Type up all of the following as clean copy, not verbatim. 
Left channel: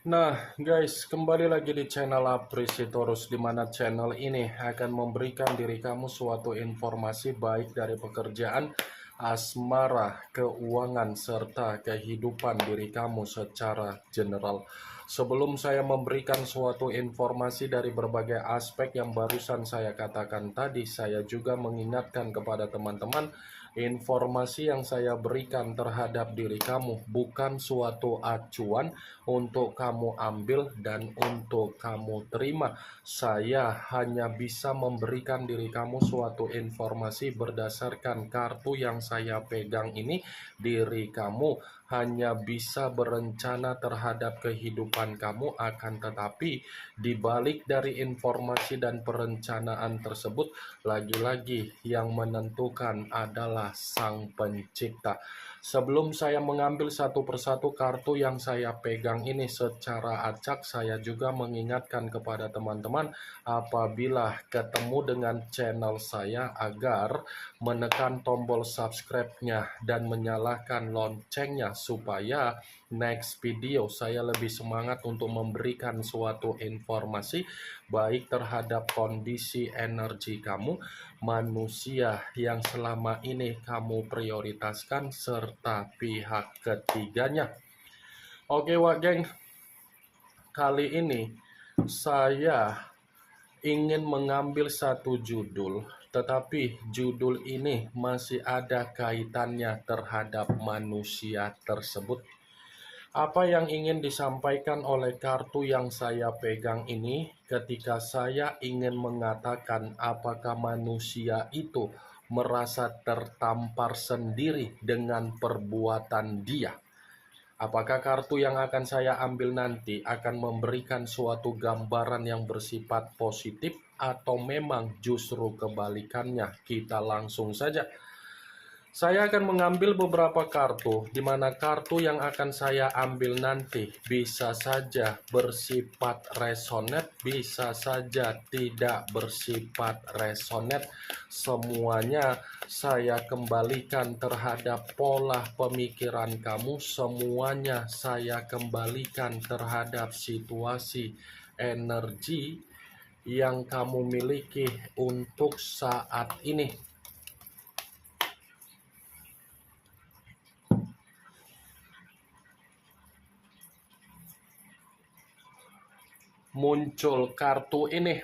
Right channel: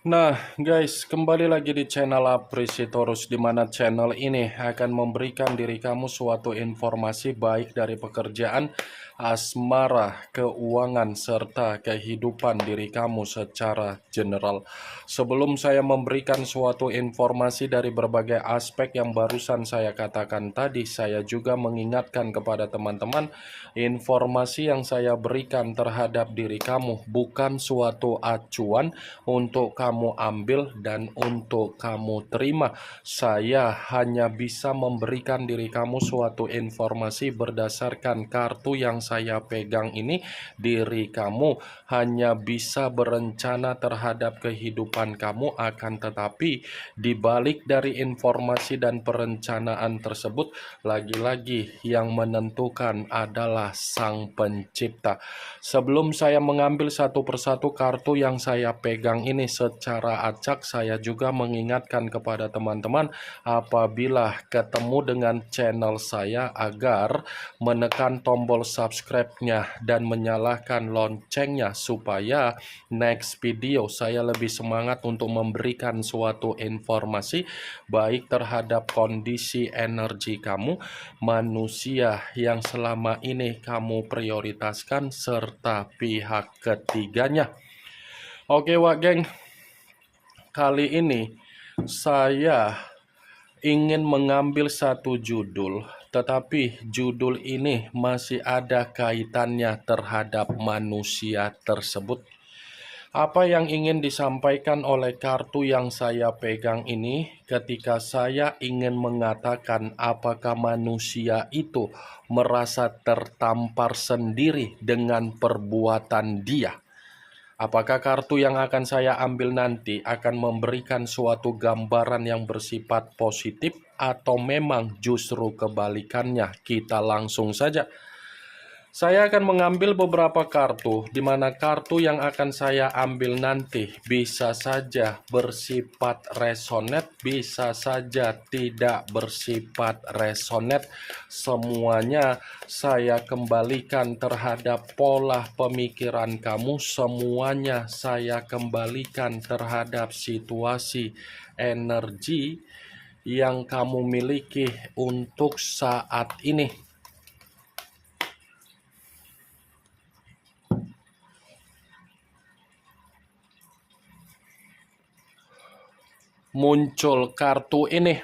Nah, guys, kembali lagi di channel Apresitorus, di mana channel ini akan memberikan diri kamu suatu informasi baik dari pekerjaan, asmara, keuangan, serta kehidupan diri kamu secara general. Sebelum saya memberikan suatu informasi dari berbagai aspek yang barusan saya katakan tadi, saya juga mengingatkan kepada teman-teman, informasi yang saya berikan terhadap diri kamu bukan suatu acuan untuk kamu ambil dan untuk kamu terima. Saya hanya bisa memberikan diri kamu suatu informasi berdasarkan kartu yang saya pegang ini. Diri kamu hanya bisa berencana terhadap kehidupan kamu, akan tetapi di balik dari informasi dan perencanaan tersebut, lagi-lagi yang menentukan adalah Sang Pencipta. Sebelum saya mengambil satu persatu kartu yang saya pegang ini secara acak, saya juga mengingatkan kepada teman-teman apabila ketemu dengan channel saya agar menekan tombol subscribe-nya dan menyalakan loncengnya supaya next video saya lebih semangat untuk memberikan suatu informasi baik terhadap kondisi energi kamu, manusia yang selama ini kamu prioritaskan, serta pihak ketiganya. Oke, Wak Geng, kali ini saya ingin mengambil satu judul, tetapi judul ini masih ada kaitannya terhadap manusia tersebut. Apa yang ingin disampaikan oleh kartu yang saya pegang ini ketika saya ingin mengatakan apakah manusia itu merasa tertampar sendiri dengan perbuatan dia? Apakah kartu yang akan saya ambil nanti akan memberikan suatu gambaran yang bersifat positif atau memang justru kebalikannya? Kita langsung saja. Saya akan mengambil beberapa kartu, di mana kartu yang akan saya ambil nanti bisa saja bersifat resonate, bisa saja tidak bersifat resonate. Semuanya saya kembalikan terhadap pola pemikiran kamu, semuanya saya kembalikan terhadap situasi energi yang kamu miliki untuk saat ini. Muncul kartu ini.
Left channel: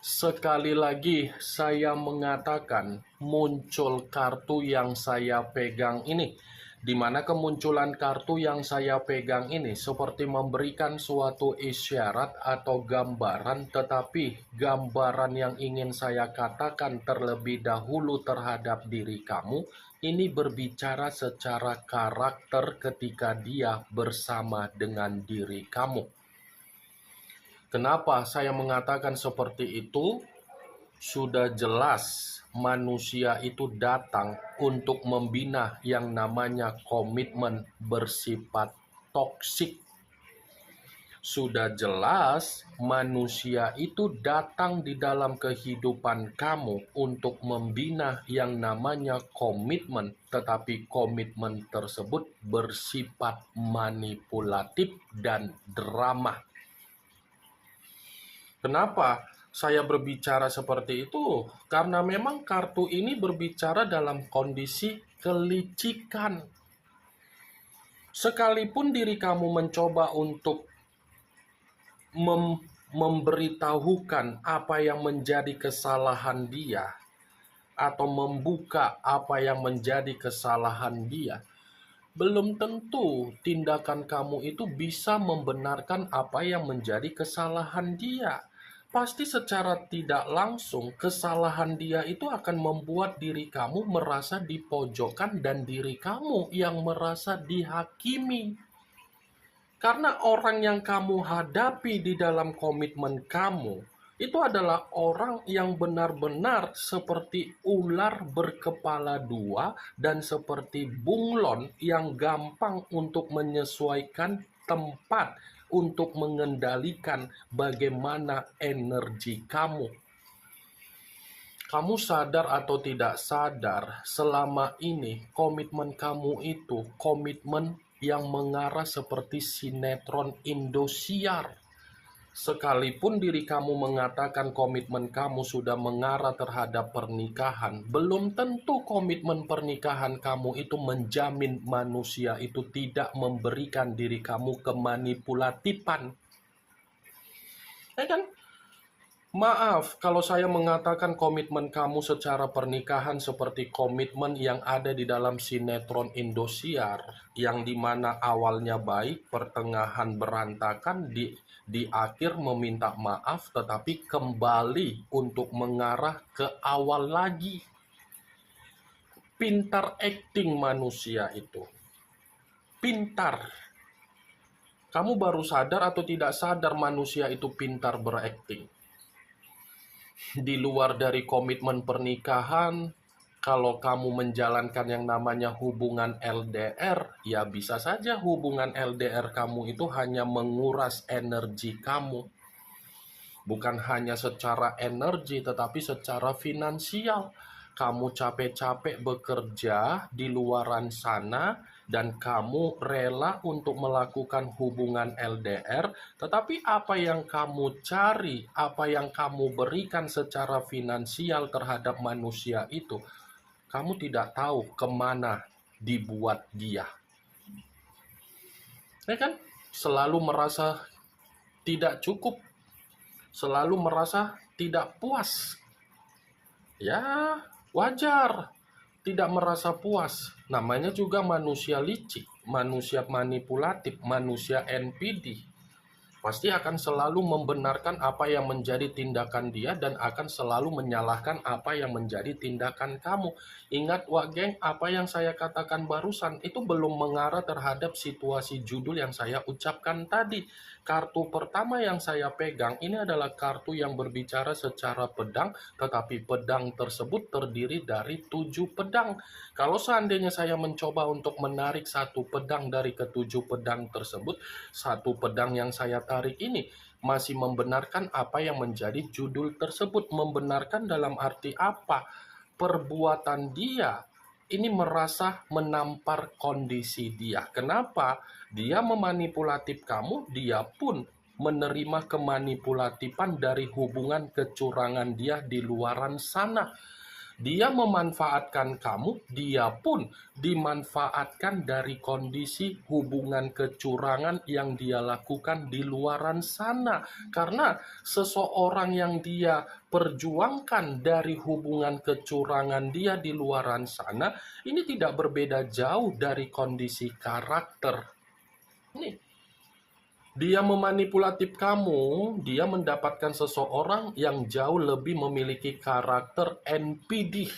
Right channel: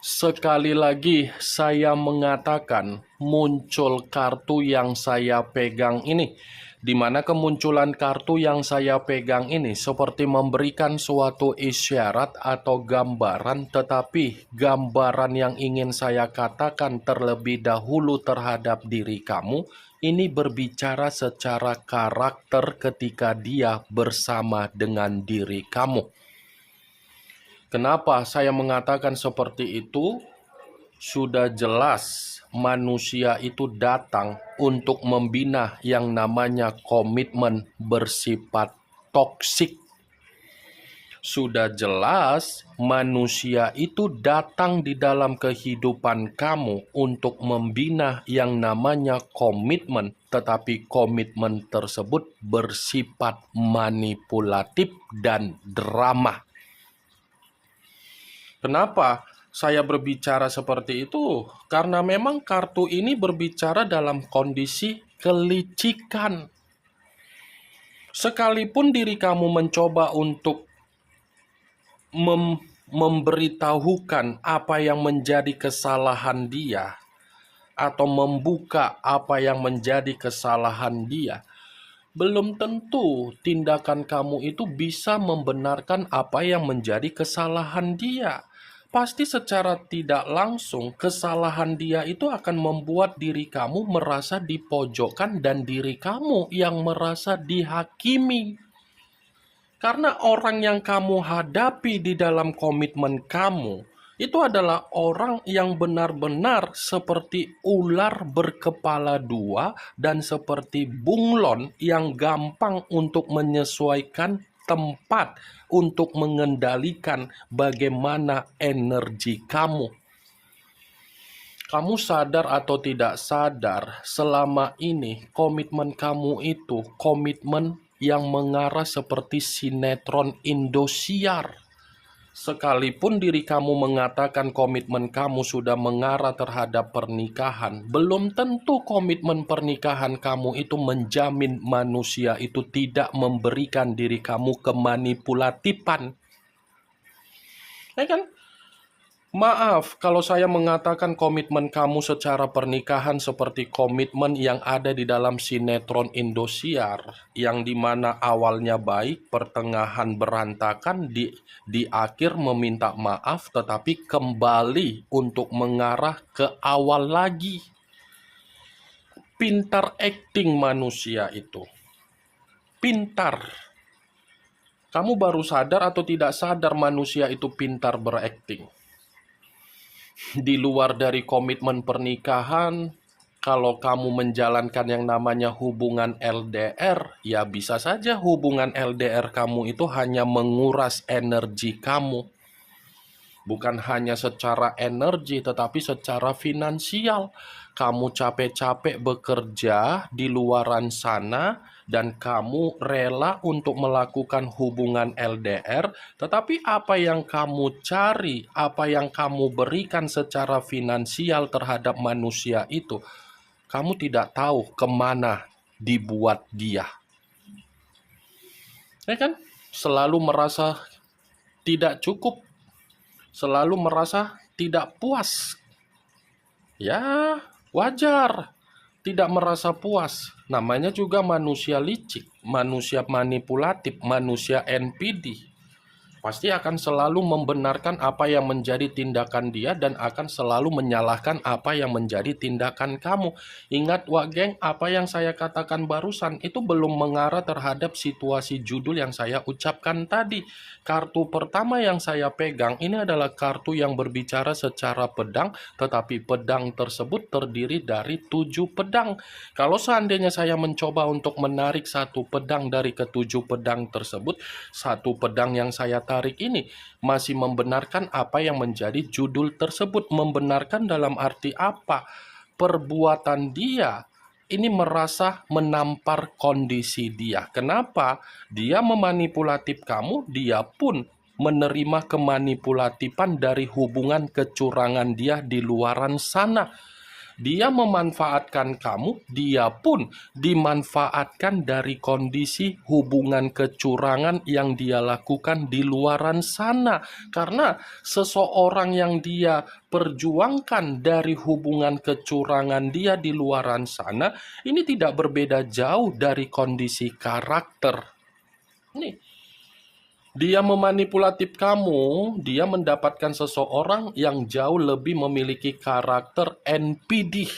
Sekali lagi saya mengatakan muncul kartu yang saya pegang ini, di mana kemunculan kartu yang saya pegang ini seperti memberikan suatu isyarat atau gambaran, tetapi gambaran yang ingin saya katakan terlebih dahulu terhadap diri kamu ini berbicara secara karakter ketika dia bersama dengan diri kamu. Kenapa saya mengatakan seperti itu? Sudah jelas manusia itu datang untuk membina yang namanya komitmen bersifat toksik. Sudah jelas manusia itu datang di dalam kehidupan kamu untuk membina yang namanya komitmen, tetapi komitmen tersebut bersifat manipulatif dan drama. Kenapa saya berbicara seperti itu? Karena memang kartu ini berbicara dalam kondisi kelicikan. Sekalipun diri kamu mencoba untuk memberitahukan apa yang menjadi kesalahan dia, atau membuka apa yang menjadi kesalahan dia, belum tentu tindakan kamu itu bisa membenarkan apa yang menjadi kesalahan dia. Pasti secara tidak langsung kesalahan dia itu akan membuat diri kamu merasa dipojokkan dan diri kamu yang merasa dihakimi. Karena orang yang kamu hadapi di dalam komitmen kamu itu adalah orang yang benar-benar seperti ular berkepala dua dan seperti bunglon yang gampang untuk menyesuaikan tempat untuk mengendalikan bagaimana energi kamu. Kamu sadar atau tidak sadar, selama ini komitmen kamu itu komitmen yang mengarah seperti sinetron Indosiar. Sekalipun diri kamu mengatakan komitmen kamu sudah mengarah terhadap pernikahan, belum tentu komitmen pernikahan kamu itu menjamin manusia itu tidak memberikan diri kamu kemanipulatifan. Ya kan? Maaf kalau saya mengatakan komitmen kamu secara pernikahan seperti komitmen yang ada di dalam sinetron Indosiar, yang dimana awalnya baik, pertengahan berantakan, di akhir meminta maaf, tetapi kembali untuk mengarah ke awal lagi. Pintar acting manusia itu. Pintar. Kamu baru sadar atau tidak sadar manusia itu pintar berakting? Di luar dari komitmen pernikahan, kalau kamu menjalankan yang namanya hubungan LDR, ya bisa saja hubungan LDR kamu itu hanya menguras energi kamu. Bukan hanya secara energi, tetapi secara finansial. Kamu capek-capek bekerja di luaran sana, dan kamu rela untuk melakukan hubungan LDR, tetapi apa yang kamu cari, apa yang kamu berikan secara finansial terhadap manusia itu, kamu tidak tahu kemana dibuat dia. Ya kan? Selalu merasa tidak cukup, selalu merasa tidak puas. Ya, wajar tidak merasa puas. Namanya juga manusia licik, manusia manipulatif, manusia NPD. Pasti akan selalu membenarkan apa yang menjadi tindakan dia dan akan selalu menyalahkan apa yang menjadi tindakan kamu. Ingat Wak Geng, apa yang saya katakan barusan itu belum mengarah terhadap situasi judul yang saya ucapkan tadi. Kartu pertama yang saya pegang ini adalah kartu yang berbicara secara pedang, tetapi pedang tersebut terdiri dari 7 pedang. Kalau seandainya saya mencoba untuk menarik satu pedang dari ketujuh pedang tersebut, satu pedang yang saya tarik ini masih membenarkan apa yang menjadi judul tersebut. Membenarkan dalam arti apa? Perbuatan dia ini merasa menampar kondisi dia. Kenapa? Dia memanipulatif kamu, dia pun menerima kemanipulatifan dari hubungan kecurangan dia di luaran sana. Dia memanfaatkan kamu, dia pun dimanfaatkan dari kondisi hubungan kecurangan yang dia lakukan di luaran sana. Karena seseorang yang dia perjuangkan dari hubungan kecurangan dia di luaran sana, ini tidak berbeda jauh dari kondisi karakter. Nih, dia memanipulatif kamu, dia mendapatkan seseorang yang jauh lebih memiliki karakter NPD.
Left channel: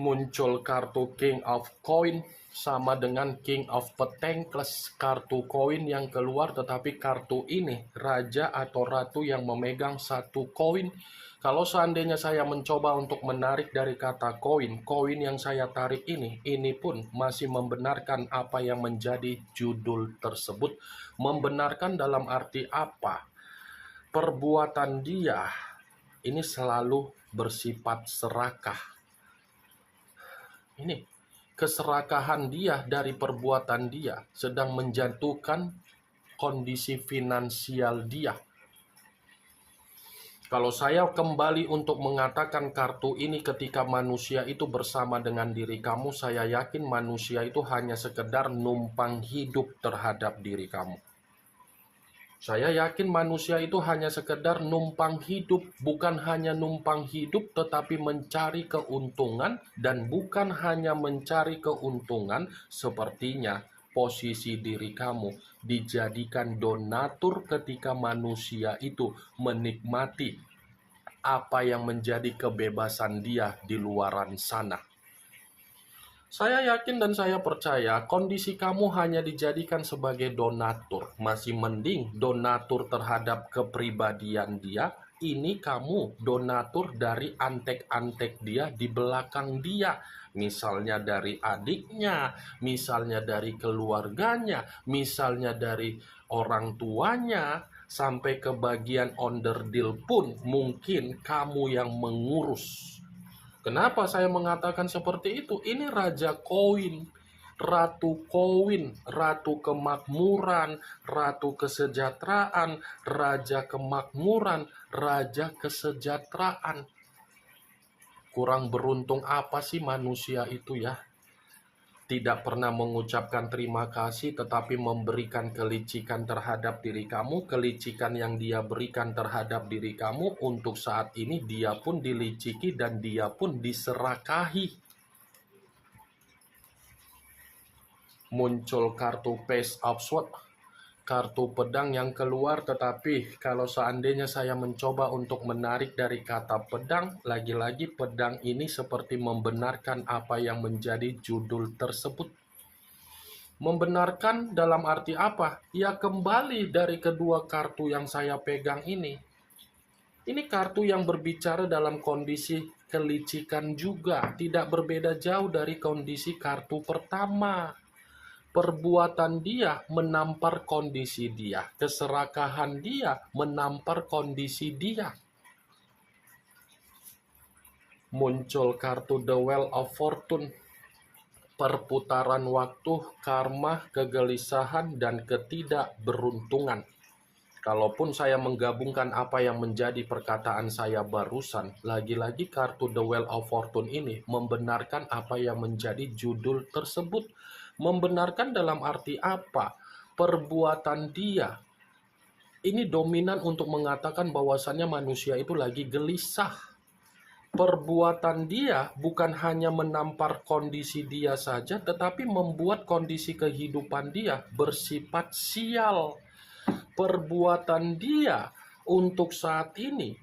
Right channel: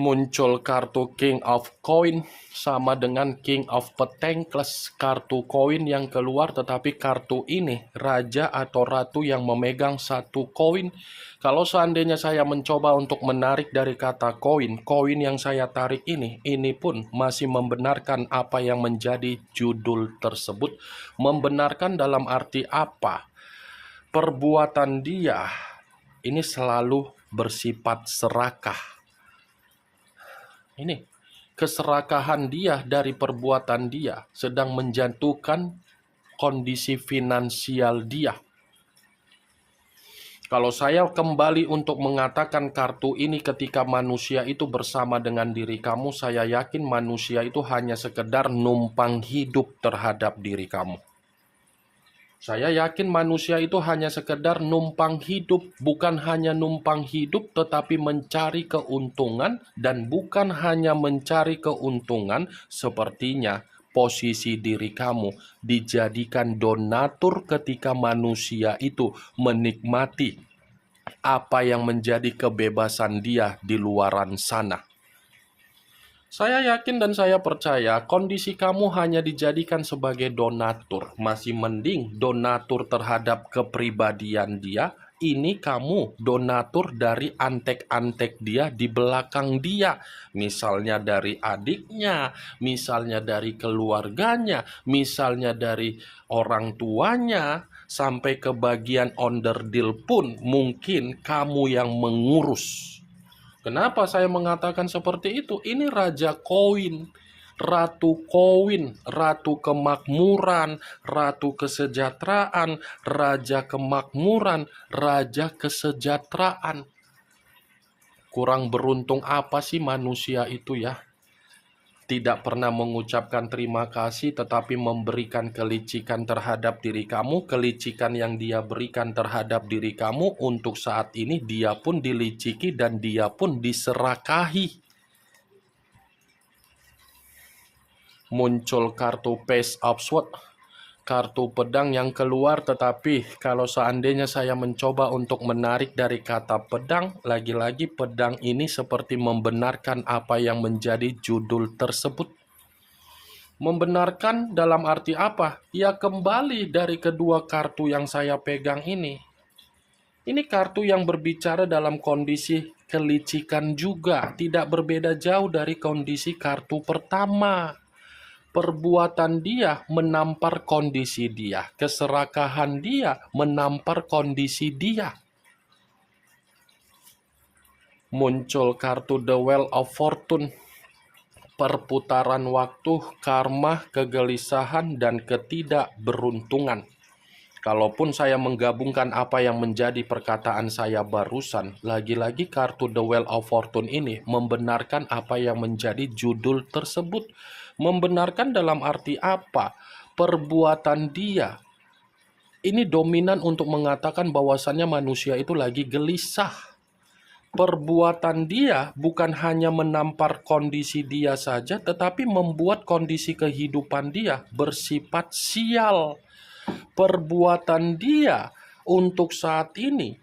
Muncul kartu King of Coin sama dengan King of Pentacles, kartu koin yang keluar, tetapi kartu ini raja atau ratu yang memegang satu koin. Kalau seandainya saya mencoba untuk menarik dari kata koin, koin yang saya tarik ini pun masih membenarkan apa yang menjadi judul tersebut. Membenarkan dalam arti apa? Perbuatan dia ini selalu bersifat serakah. Ini keserakahan dia dari perbuatan dia sedang menjatuhkan kondisi finansial dia. Kalau saya kembali untuk mengatakan kartu ini ketika manusia itu bersama dengan diri kamu, saya yakin manusia itu hanya sekedar numpang hidup terhadap diri kamu. Saya yakin manusia itu hanya sekedar numpang hidup, bukan hanya numpang hidup tetapi mencari keuntungan, dan bukan hanya mencari keuntungan, sepertinya posisi diri kamu dijadikan donatur ketika manusia itu menikmati apa yang menjadi kebebasan dia di luaran sana. Saya yakin dan saya percaya kondisi kamu hanya dijadikan sebagai donatur. Masih mending donatur terhadap kepribadian dia. Ini kamu donatur dari antek-antek dia di belakang dia. Misalnya dari adiknya, misalnya dari keluarganya, misalnya dari orang tuanya, sampai ke bagian onderdil pun mungkin kamu yang mengurus. Kenapa saya mengatakan seperti itu? Ini Raja Koin, Ratu Koin, Ratu Kemakmuran, Ratu Kesejahteraan, Raja Kemakmuran, Raja Kesejahteraan. Kurang beruntung apa sih manusia itu ya? Tidak pernah mengucapkan terima kasih, tetapi memberikan kelicikan terhadap diri kamu. Kelicikan yang dia berikan terhadap diri kamu, untuk saat ini dia pun diliciki dan dia pun diserakahi. Muncul kartu Page of Swords, kartu pedang yang keluar, tetapi kalau seandainya saya mencoba untuk menarik dari kata pedang, lagi-lagi pedang ini seperti membenarkan apa yang menjadi judul tersebut. Membenarkan dalam arti apa? Ya kembali dari kedua kartu yang saya pegang ini. Ini kartu yang berbicara dalam kondisi kelicikan juga, tidak berbeda jauh dari kondisi kartu pertama. Perbuatan dia menampar kondisi dia, keserakahan dia menampar kondisi dia. Muncul kartu The Wheel of Fortune, perputaran waktu, karma, kegelisahan, dan ketidakberuntungan. Kalaupun saya menggabungkan apa yang menjadi perkataan saya barusan, lagi-lagi kartu The Wheel of Fortune ini membenarkan apa yang menjadi judul tersebut. Membenarkan dalam arti apa? Perbuatan dia ini dominan untuk mengatakan bahwasannya manusia itu lagi gelisah. Perbuatan dia bukan hanya menampar kondisi dia saja, tetapi membuat kondisi kehidupan dia bersifat sial. Perbuatan dia untuk saat ini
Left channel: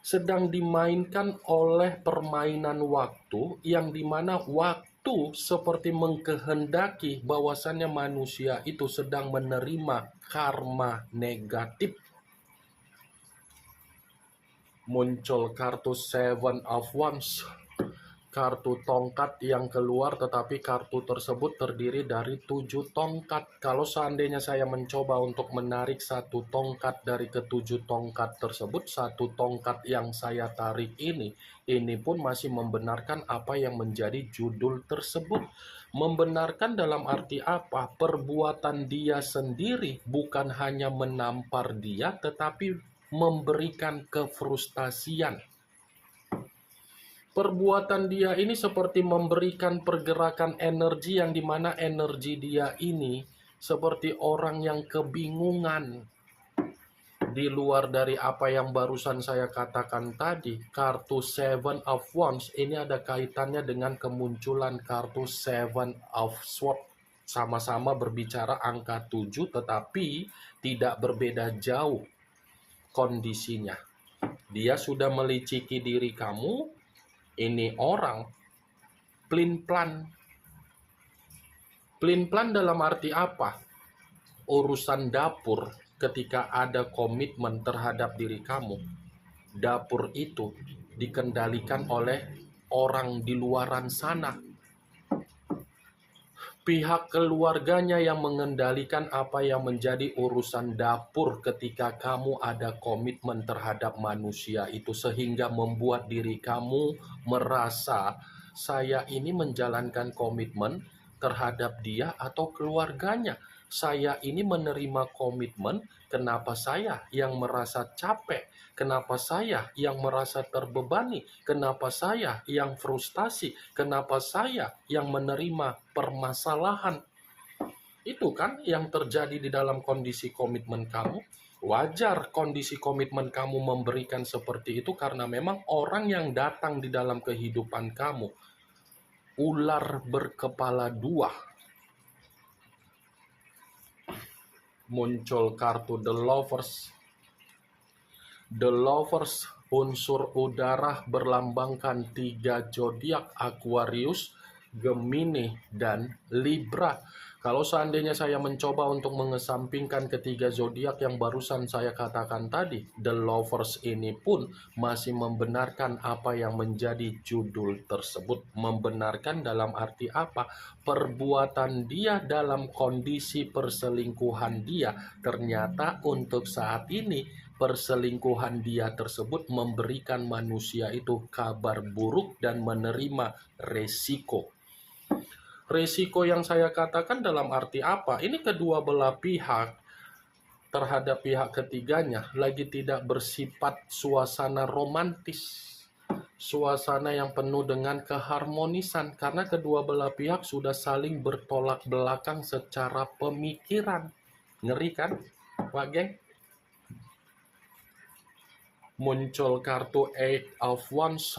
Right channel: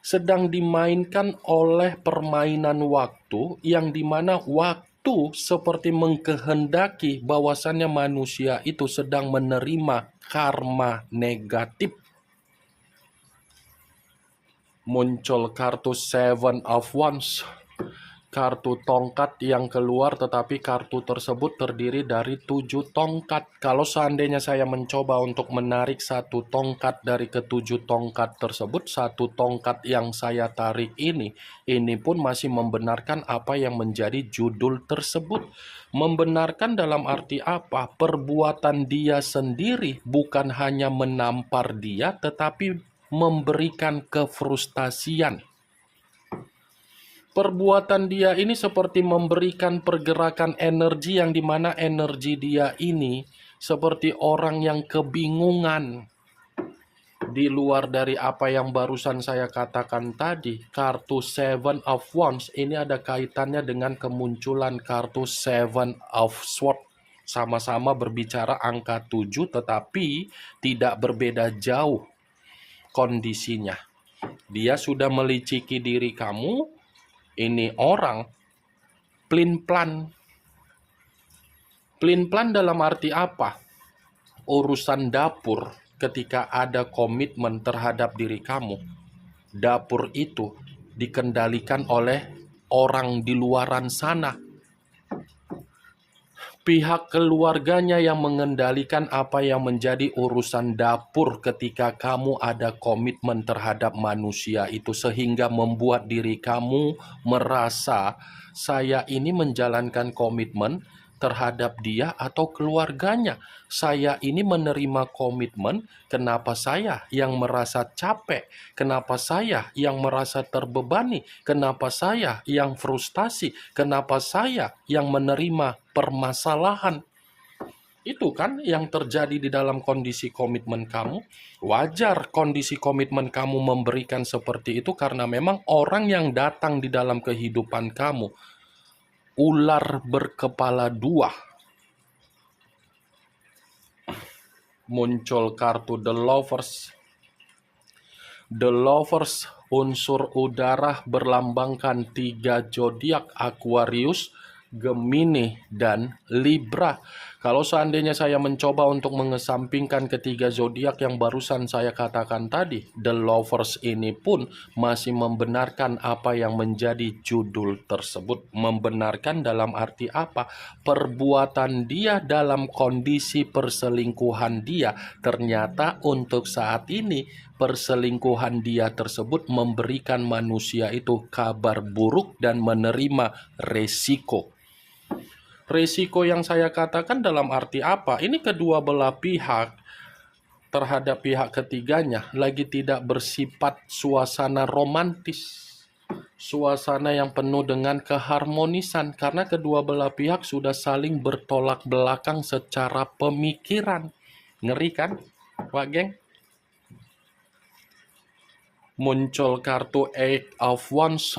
sedang dimainkan oleh permainan waktu, yang dimana waktu seperti mengkehendaki bahwasannya manusia itu sedang menerima karma negatif. Muncul kartu Seven of Wands, kartu tongkat yang keluar, tetapi kartu tersebut terdiri dari 7 tongkat. Kalau seandainya saya mencoba untuk menarik satu tongkat dari ketujuh tongkat tersebut, satu tongkat yang saya tarik ini pun masih membenarkan apa yang menjadi judul tersebut. Membenarkan dalam arti apa? Perbuatan dia sendiri bukan hanya menampar dia, tetapi memberikan kefrustasian. Perbuatan dia ini seperti memberikan pergerakan energi, yang dimana energi dia ini seperti orang yang kebingungan. Di luar dari apa yang barusan saya katakan tadi, kartu Seven of Wands ini ada kaitannya dengan kemunculan kartu Seven of Swords. Sama-sama berbicara angka 7, tetapi tidak berbeda jauh kondisinya. Dia sudah meliciki diri kamu. Ini orang plin-plan. Plin-plan dalam arti apa? Urusan dapur, ketika ada komitmen terhadap diri kamu, dapur itu dikendalikan oleh orang di luaran sana. Pihak keluarganya yang mengendalikan apa yang menjadi urusan dapur ketika kamu ada komitmen terhadap manusia itu, sehingga membuat diri kamu merasa, saya ini menjalankan komitmen terhadap dia atau keluarganya. Saya ini menerima komitmen, kenapa saya yang merasa capek? Kenapa saya yang merasa terbebani? Kenapa saya yang frustasi? Kenapa saya yang menerima permasalahan? Itu kan yang terjadi di dalam kondisi komitmen kamu. Wajar kondisi komitmen kamu memberikan seperti itu, karena memang orang yang datang di dalam kehidupan kamu, ular berkepala dua. Muncul kartu The Lovers. The Lovers, unsur udara, berlambangkan 3 zodiak: Aquarius, Gemini, dan Libra. Kalau seandainya saya mencoba untuk mengesampingkan ketiga zodiak yang barusan saya katakan tadi, The Lovers ini pun masih membenarkan apa yang menjadi judul tersebut. Membenarkan dalam arti apa? Perbuatan dia dalam kondisi perselingkuhan dia ternyata untuk saat ini perselingkuhan dia tersebut memberikan manusia itu kabar buruk dan menerima resiko. Resiko yang saya katakan dalam arti apa? Ini kedua belah pihak terhadap pihak ketiganya lagi tidak bersifat suasana romantis, suasana yang penuh dengan keharmonisan, karena kedua belah pihak sudah saling bertolak belakang secara pemikiran. Ngeri kan, Pak Geng? Muncul kartu Eight of Wands,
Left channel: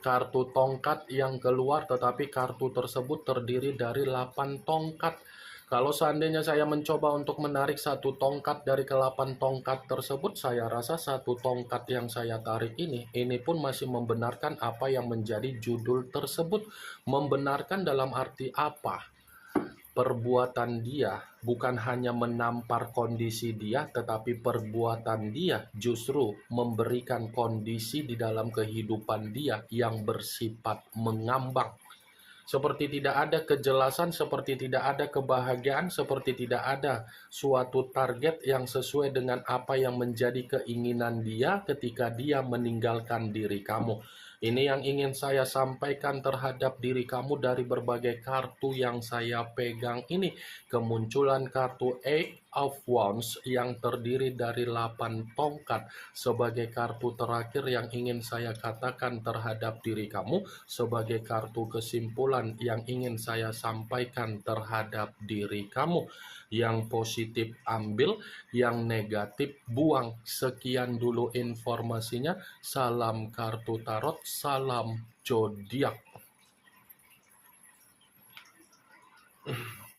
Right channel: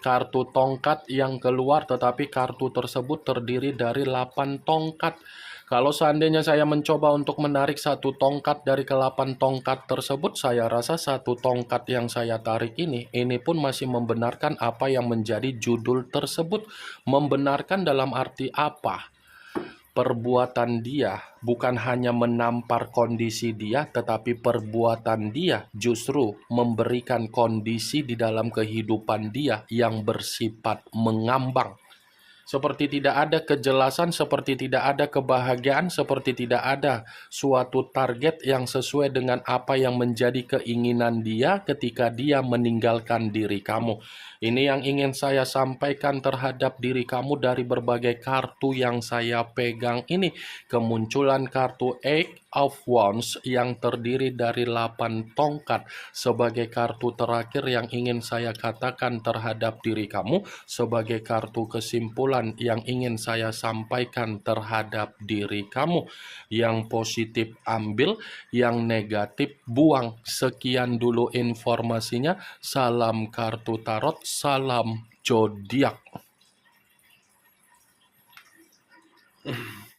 kartu tongkat yang keluar, tetapi kartu tersebut terdiri dari 8 tongkat. Kalau seandainya saya mencoba untuk menarik satu tongkat dari ke-8 tongkat tersebut, saya rasa satu tongkat yang saya tarik ini pun masih membenarkan apa yang menjadi judul tersebut. Membenarkan dalam arti apa? Perbuatan dia bukan hanya menampar kondisi dia, tetapi perbuatan dia justru memberikan kondisi di dalam kehidupan dia yang bersifat mengambang. Seperti tidak ada kejelasan, seperti tidak ada kebahagiaan, seperti tidak ada suatu target yang sesuai dengan apa yang menjadi keinginan dia ketika dia meninggalkan diri kamu. Ini yang ingin saya sampaikan terhadap diri kamu dari berbagai kartu yang saya pegang ini. Kemunculan kartu Eight of Wands yang terdiri dari 8 tongkat sebagai kartu terakhir yang ingin saya katakan terhadap diri kamu, sebagai kartu kesimpulan yang ingin saya sampaikan terhadap diri kamu. Yang positif ambil, yang negatif buang. Sekian dulu informasinya. Salam kartu tarot, salam zodiak.